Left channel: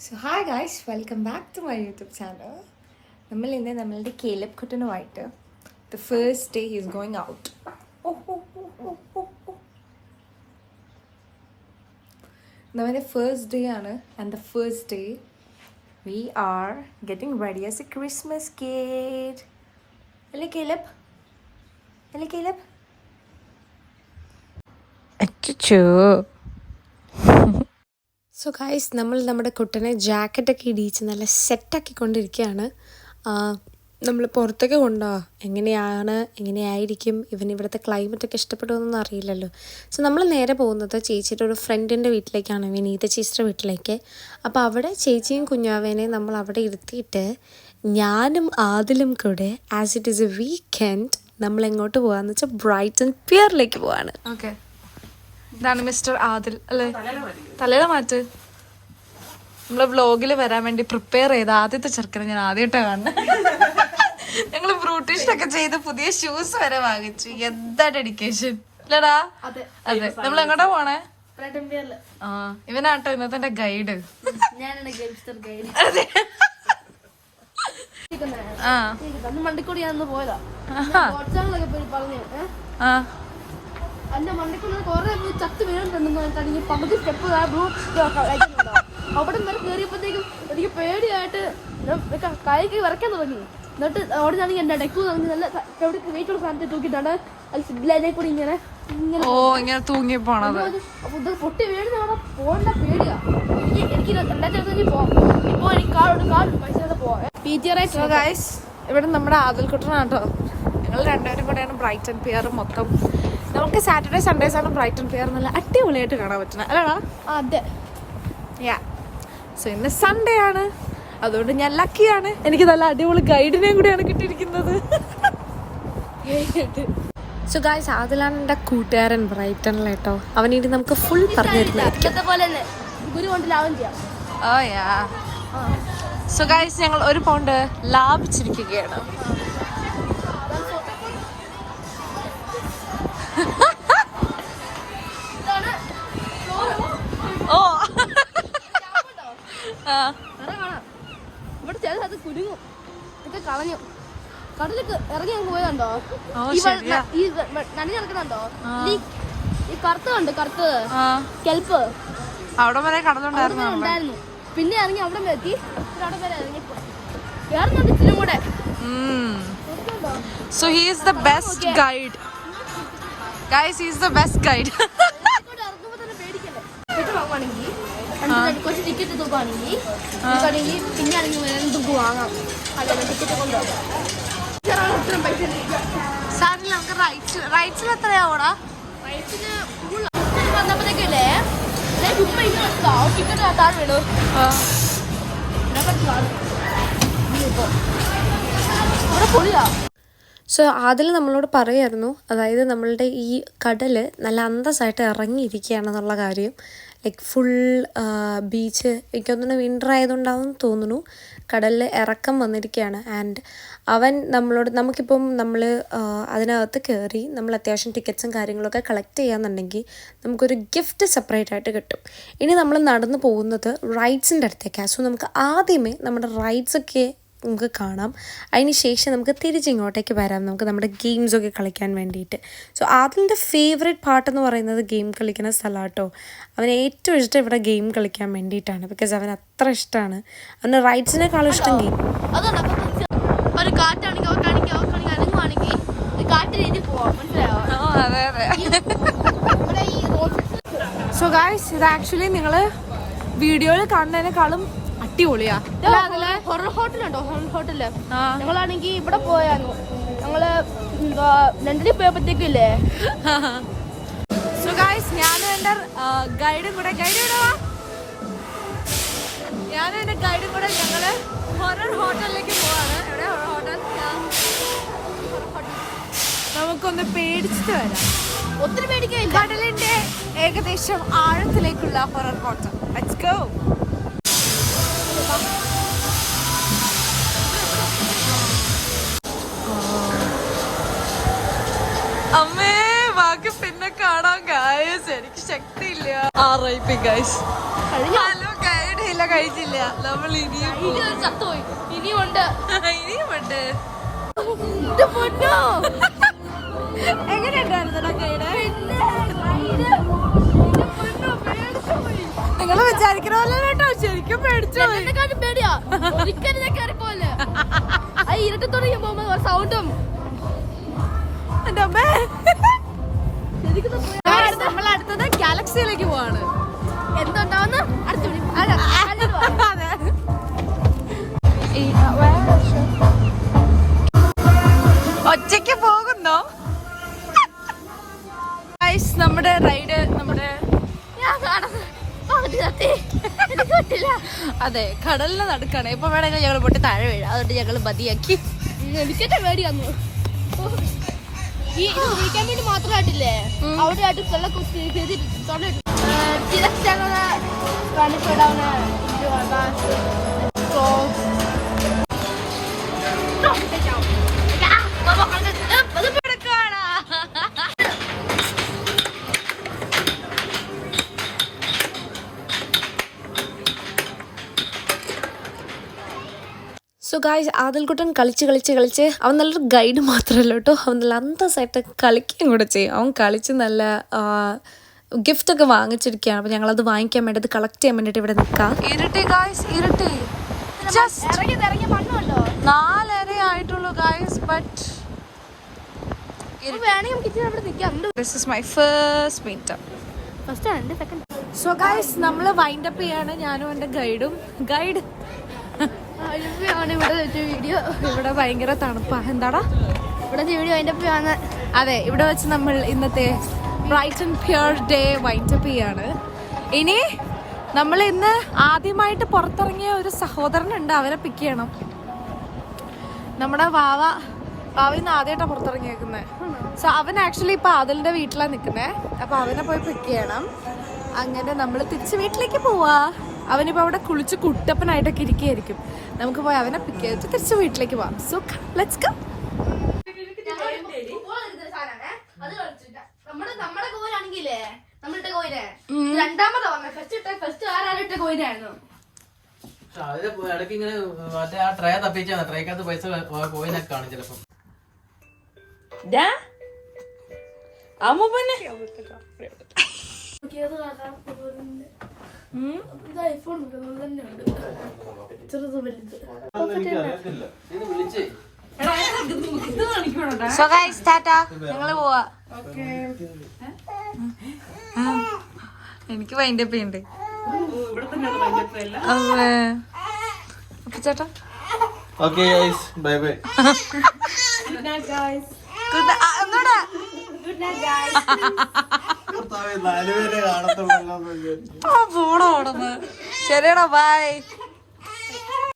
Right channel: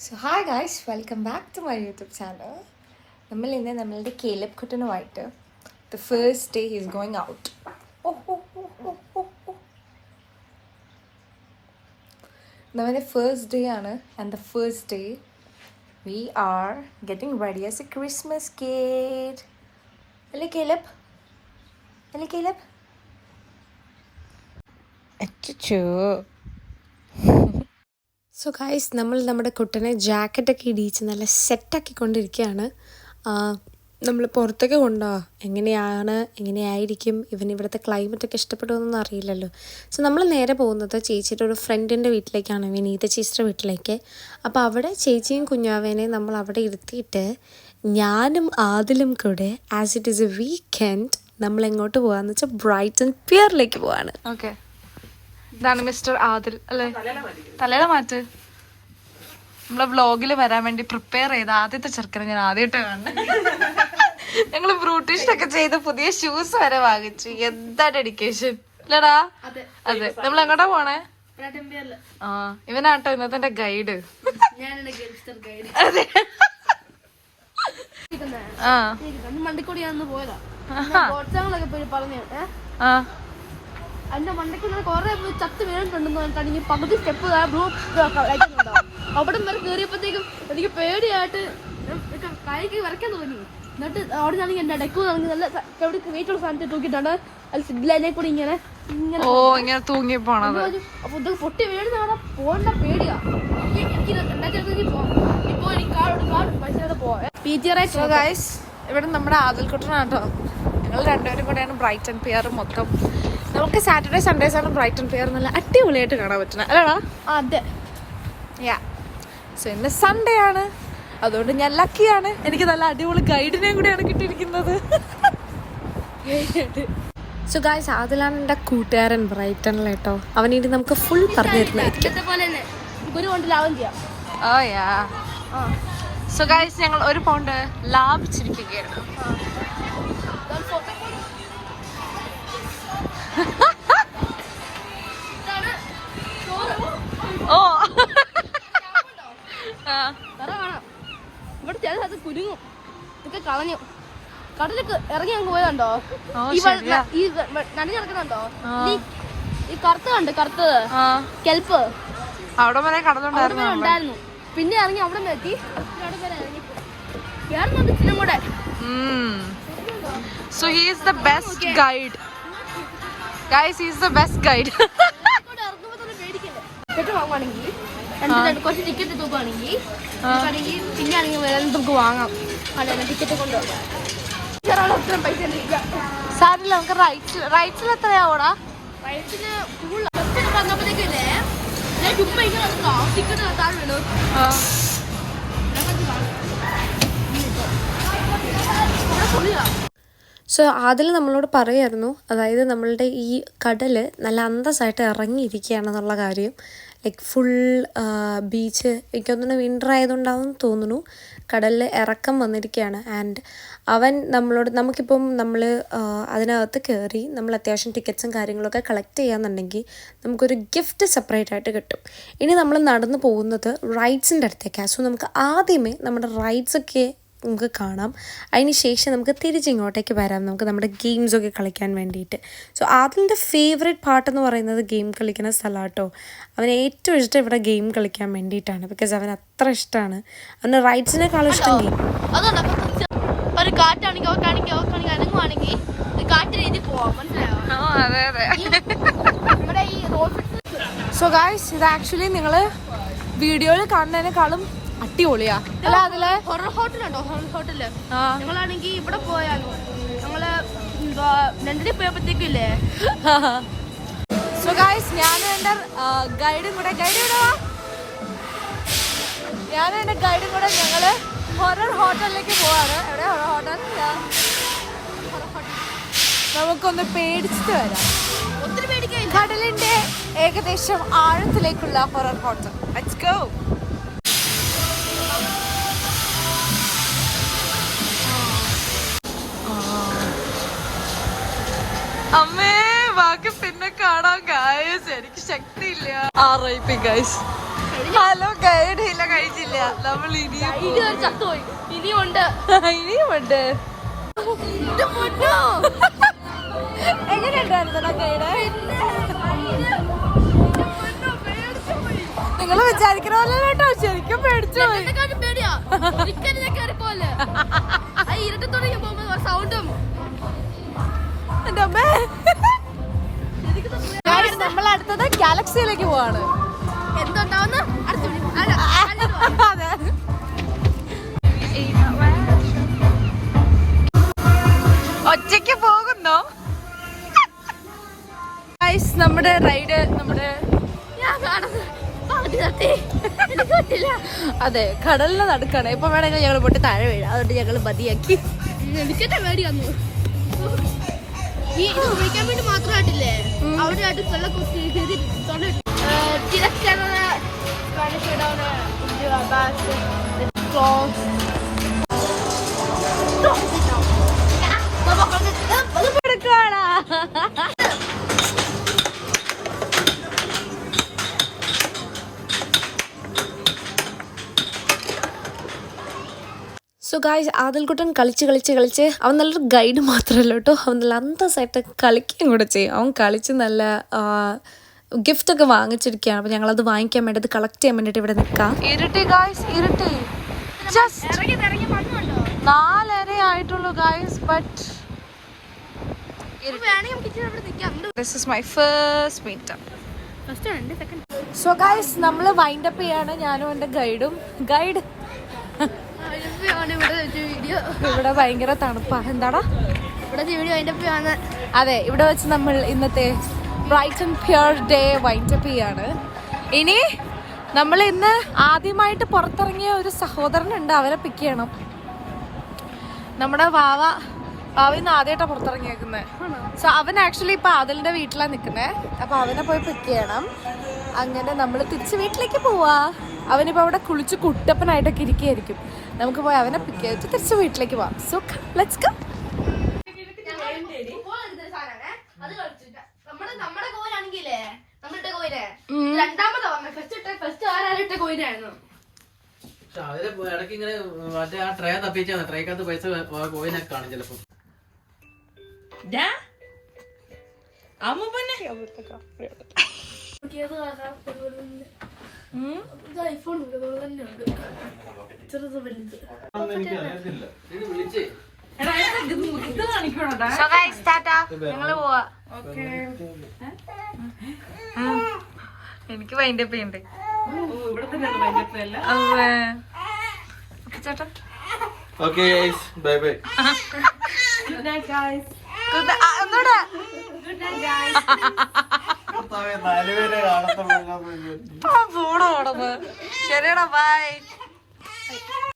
So hi guys, welcome back to my YouTube channel. നമ്മൾ ഇന്ന് നമ്മളുടെ കേലബ് കുട്ടനുമായിട്ട് the first day he is going out. നമ്മുടെ first day ആണ്, and the first day we are getting ready as a Christmas kid. അല്ലേ കേലബ്? അല്ലേ കേലബ്? അച്ചോ. So guys, നമ്മൾ നമ്മുടെ കുട്ടനെ ജാക്കറ്റൊക്കെ ഇടിയിച്ച് നല്ല സെറ്റാക്കിക്കൊണ്ടിരിക്കുകയാണ്. നമ്മൾ പുറത്തൊക്കെ എങ്ങനെയായിരിക്കും ഇവിടുത്തെ ക്ലൈമറ്റൊക്കെ ഇഷ്ടപ്പെടുമെന്നൊന്നും അറിയില്ലല്ലോ. സോ നമ്മൾ നേരെ പോകുന്നത് ചേച്ചിയുടെ ഒരു ഫ്രണ്ടിൻ്റെ വീട്ടിലേക്കാണ്, വിനീത ചേച്ചിയുടെ വീട്ടിലേക്ക്. അപ്പോൾ അവിടെ ചേച്ചിയും കുഞ്ഞാവേനെയും നമ്മൾ അവിടെ ഇരുത്തിയിട്ട് ഞാനും ആദിലും കൂടെ as it is A weekend നമ്മൾ എങ്ങോട്ട് പോകാമെന്ന് വെച്ചാൽ ബ്രൈറ്റൺ പിയറിലേക്ക് പോവാണ്. ഓക്കെ, ഇതാണ് മിസ്റ്റർ ആദിൽ അല്ലേ? തലയുടെ മാറ്റ്. നമ്മളെ വ്ളോഗിൽ വരാൻ വേണ്ടി പ്രിപ്പയർ ചെയ്ത ആദ്യത്തെ ചെറുക്കനെ ഞാൻ ആദ്യമായിട്ടാണ് കാണുന്നത്. ഞങ്ങള് ബ്രൂട്ടീഷൊക്കെ ചെയ്ത് പുതിയ ഷൂസ് വരെ വാങ്ങിച്ചു. എന്താ ഡെഡിക്കേഷൻ അല്ലടാ? അതെ. നമ്മൾ എങ്ങോട്ടാ പോണേ? ഇവനാട്ടോ ഇന്നത്തെ ഗൈഡ്. അതെ. മണ്ടിക്കൂടിയാന്ന് പോയതാ. എന്റെ മണ്ടയ്ക്ക് കൊറേ ചത്ത് വീണിട്ടുണ്ടെന്ന് പറഞ്ഞിട്ടുണ്ടെങ്കിൽ പകുതി സ്റ്റെപ്പ് അവിടെ വരെ കയറിയപ്പോഴത്തേക്കും എനിക്ക് പേടിയായിട്ട് കൈക്ക് വരയ്ക്കാൻ തുടങ്ങി. എന്നിട്ട് അവിടെ നിന്നാണെങ്കിൽ എന്റെ ഇടയ്ക്ക് നല്ല എവിടെ വെയിറ്റുള്ള സാധനത്തിൽ തൂക്കിയിട്ടാണ് സിഗ്ലൈനെ കൂടി ഇങ്ങനെ തൂങ്ങി പോണത്. അപ്പൊ പൊട്ടി വീഴുന്ന പോകേണ്ട പേടിയാ എനിക്ക്. രണ്ടായിരത്തി പോവാം. ഇപ്പൊ എനിക്ക് കാർഡ് പൈസ പോവാം. ഇവിടെ നമ്മുടെ ആദിൽക്കുട്ടനാട്ടോ. ഞങ്ങൾ രണ്ടുപേരും കൂടെയാണ് ബ്രൈറ്റൺ പിയർ മൊത്തം. നമുക്ക് സാറ്റർഡേ സൺഡേസ് ആണ് ബ്രൈറ്റൺ പിയർ നല്ല അടിപൊളിയായിട്ട് കാണാൻ പറ്റുന്നത് അല്ലടാ? അതെ. സോ ഇന്ന് സൺഡേ ആണ്, അതുകൊണ്ട് ഞാൻ ലക്കിയാണ്. എനിക്ക് നല്ല അടിപൊളി ഗൈഡിനെയും കൂടെയാണ് കിട്ടിയിരിക്കുന്നത്. സോ ഗായ്സ്, ആദിലാണ് എൻ്റെ കൂട്ടുകാരൻ ബ്രൈറ്റണിലേട്ടോ. അവനിട്ട് നമുക്ക് ഫുൾ പറഞ്ഞു തരുന്നതായിരിക്കും. സോ ഗായ്സ്, ഞങ്ങൾ 1 പൗണ്ട് ലാഭിച്ചിരിക്കുകയാണ്. ഓ കടലൊക്കെ ഇറങ്ങി അങ്ങ് പോയതുണ്ടോ? ഈ കണ്ണി നടക്കുന്നുണ്ടോ? ഈ കറുത്ത് കെൽപ്പ് അവിടെ വരെ കടലുണ്ടായിരുന്നു. പിന്നെ ഇറങ്ങി അവിടെ എത്തി. അവിടെ വരെ ഇറങ്ങിപ്പോയി. വേറെ ഇച്ചിരി കൂടെ. So he is the best guide. Guys, he is the best guide. കുറച്ച് ടിക്കറ്റ് തൂക്കുകയാണെങ്കിൽ പിന്നെ ആണെങ്കിൽ വേറെ തൂക്ക് വാങ്ങാം. സാരില്ല, നമുക്ക് റൈറ്റ്സിൽ എത്രയാവൂടാ? വന്നപ്പോഴത്തേക്കല്ലേ ഞാൻ ചുമ്മാ ടിക്കറ്റ് കാട്ടാൻ വേണു. സോ അതിൽ നമ്മളോട് പറയായിരുന്നു, അതായത് നമ്മളുടെ ഈ കടൽ നല്ല അന്തസ്സായിട്ട് ഇറങ്ങിയിരിക്കുകയാണെന്നുള്ള കാര്യം. ലൈക്ക് ഫുൾ ബീച്ച്, എനിക്കൊന്നും വിൻ്റർ ആയതുകൊണ്ടാവും തോന്നുന്നു, കടലിൽ ഇറക്കം വന്നിരിക്കുകയാണ്. ആൻഡ് അവൻ നമ്മളോട്, നമുക്കിപ്പം നമ്മൾ അതിനകത്ത് കയറി നമ്മൾ അത്യാവശ്യം ടിക്കറ്റ്സും കാര്യങ്ങളൊക്കെ കളക്ട് ചെയ്യാന്നുണ്ടെങ്കിൽ നമുക്കൊരു ഗിഫ്റ്റ് സെപ്പറേറ്റ് ആയിട്ട് കിട്ടും. ഇനി നമ്മൾ നടന്നു പോകുന്നത് റൈഡ്സിൻ്റെ അടുത്തേക്കാണ്. സോ നമുക്ക് ആദ്യമേ നമ്മുടെ റൈഡ്സൊക്കെ നമുക്ക് കാണാം. അതിന് ശേഷം നമുക്ക് തിരിച്ചിങ്ങോട്ടേക്ക് വരാം, നമുക്ക് നമ്മുടെ ഗെയിംസൊക്കെ കളിക്കാൻ വേണ്ടിയിട്ട്. സോ അതിൻ്റെ ഫേവറേറ്റ് പാട്ടെന്ന് പറയുന്നത് ഗെയിം കളിക്കുന്ന സ്ഥലമാണ് കേട്ടോ. അവന് ഏറ്റവും ഇഷ്ടം ഇവിടെ ഗെയിം കളിക്കാൻ വേണ്ടിയിട്ടാണ്. ബിക്കോസ് അവന് അത്ര ഇഷ്ടമാണ്. അവന് റൈഡ്സിനേക്കാളും ഇഷ്ടം ഗെയിം. അതെ അതെ. സോ ഗായ്സ്, ഇത് ആക്ച്വലി നിങ്ങൾ വീഡിയോയിൽ കാണുന്നതിനേക്കാളും അടിപൊളിയാ അല്ല? അതിലെ ഹൊറർ ഹോട്ടലുണ്ടോ? ഹൊറർ ഹോട്ടല് ഞങ്ങളാണെങ്കിൽ ഇവിടെ പോയായിരുന്നു. ഞങ്ങള് ലണ്ടനിൽ പോയപ്പോഴത്തേക്കില്ലേ. സോ ഗായ്സ്, ഞാനും എൻ്റെ ഗൈഡും കൂടെ ഞങ്ങള് ഹൊറർ ഹോട്ടലിലേക്ക് പോവാണ്. എവിടെ ഹൊറർ ഹോട്ടൽ? നമുക്കൊന്ന് പേടിച്ചിട്ട് വരാം. ഒത്തിരി പേടിക്കില്ല. കടലിന്റെ ഏകദേശം ആഴത്തിലേക്കുള്ള ഹൊറർ ഹോട്ടൽ. Let's go. അമ്മേ, ബാക്കി പിന്നെ കാണാം ഗായ്സ്. എനിക്ക് ശക്തിയില്ല. RIP guys. ഹലോ ഗൈഡ് ഇല്ല കഴിച്ചില്ല. നമ്മൾ ഇനിയും പോകും. ഇനിയുണ്ട്. ഇനിയുമുണ്ട്. എങ്ങനെയുണ്ടായിരുന്നടാ ഗൈഡ്? നിങ്ങൾ വിചാരിക്കണ പോലെ കേട്ടോ, ശരിക്കും പേടിച്ചു പോയി. പേടിയാ ഒരിക്കലും കയറിപ്പോലെ ഇരുട്ടി തുടങ്ങി പോകുമ്പോ സൗണ്ടും. നമ്മൾ അടുത്തത് ഗാലക്സിയിലേക്ക് പോവാണ്. എന്തുണ്ടാവുന്നു അതെ. ഒറ്റയ്ക്ക് പോകുന്നോ? നമ്മുടെ റൈഡ് അതെ കടലിന് നടുക്കാണ്. ഇപ്പൊ വേണമെങ്കിൽ ഞങ്ങൾ പൊട്ടി താഴെ വീഴാം. അതുകൊണ്ട് ഞങ്ങൾ മതിയാക്കി. എനിക്കെന്നെ പേടിയാന്നു. ഈ ഇത് കുളിക്കാൻ വേണ്ടി മാത്രമായിട്ടില്ലേ അവിടെ ആയിട്ട് വെള്ളം സോ ഗായ്സ്, ആദിൽക്കുട്ടൻ കളിച്ച് അവൻ നല്ലൊരു ഗൈഡ് മാത്രമല്ല കേട്ടോ, അവൻ നല്ല അന്തസ്സായിട്ട് കളിക്കുകയും കൂടെ ചെയ്യും. അവൻ കളിച്ച് നല്ല ഗിഫ്റ്റൊക്കെ വാങ്ങിച്ചിരിക്കുകയാണ്. അപ്പോൾ ഞങ്ങളത് വാങ്ങിക്കാൻ വേണ്ടി, അത് കളക്ട് ചെയ്യാൻ വേണ്ടിയിട്ട് ഇവിടെ നിൽക്കാം. ഇരുട്ടി ഗായ്സ്, ഇരുട്ടി. ജസ്റ്റ് 4:30 ആയിട്ടുള്ളൂ guys. But this is my first meetup. So guys, നമ്മൾ വൈൻഡ് അപ്പ് ചെയ്യാണ്, ഞാനും എൻ്റെ ഗൈഡും. ഗൈഡ് ഇവിടെ ഭയങ്കര തണുപ്പാ. എന്താടാ അതെ, ഇവിടെ വെച്ച് നമ്മൾ ഇന്നത്തെ bright and pure day wind up ചെയ്യാണ്. ഇനി നമ്മൾ ഇന്ന് ആദ്യമായിട്ട് പുറത്തിറങ്ങിയ ഒരു സഹോദരനുണ്ട്, അവനെ പിക്ക് ചെയ്യണം. നമ്മുടെ വാവിന്ന് ആദ്യമായിട്ടാണ് പുറത്തിറങ്ങിയേക്കുന്നത്. സോ അവൻ ആക്ച്വലി ഇപ്പൊ ആദിലിന്റെ വീട്ടിലാണ് നിൽക്കുന്നത്. അപ്പൊ അവനെ പോയി പിക്ക് ചെയ്യണം. അങ്ങനെ നമ്മൾ തിരിച്ച് വീട്ടിലേക്ക് പോവാ. അവനിപ്പോ അവിടെ കുളിച്ച് കുട്ടപ്പനായിട്ടൊക്കെ ഇരിക്കുകയായിരിക്കും. നമുക്ക് പോയി അവനെ പിക്ക് ചെയ്തിട്ട് തിരിച്ച് വീട്ടിലേക്ക് പോവാം. So let's go. ഇടയ്ക്ക് ഇങ്ങനെ മറ്റേ ആ ട്രേ തപ്പിച്ചാണ്, ട്രേക്കകത്ത് പൈസ പോയിനൊക്കെ കാണും ചിലപ്പോ. ഞങ്ങള് പോവാ. എനിക്ക് വൈൻഡ് അപ്പ് ചെയ്യണ്ടേ? ചേട്ടാ ഓക്കേ ഗൈസ്, ബൈ ബൈ. ഒന്നൂടെ പോണോ? ശരിയാണോ? ബൈ.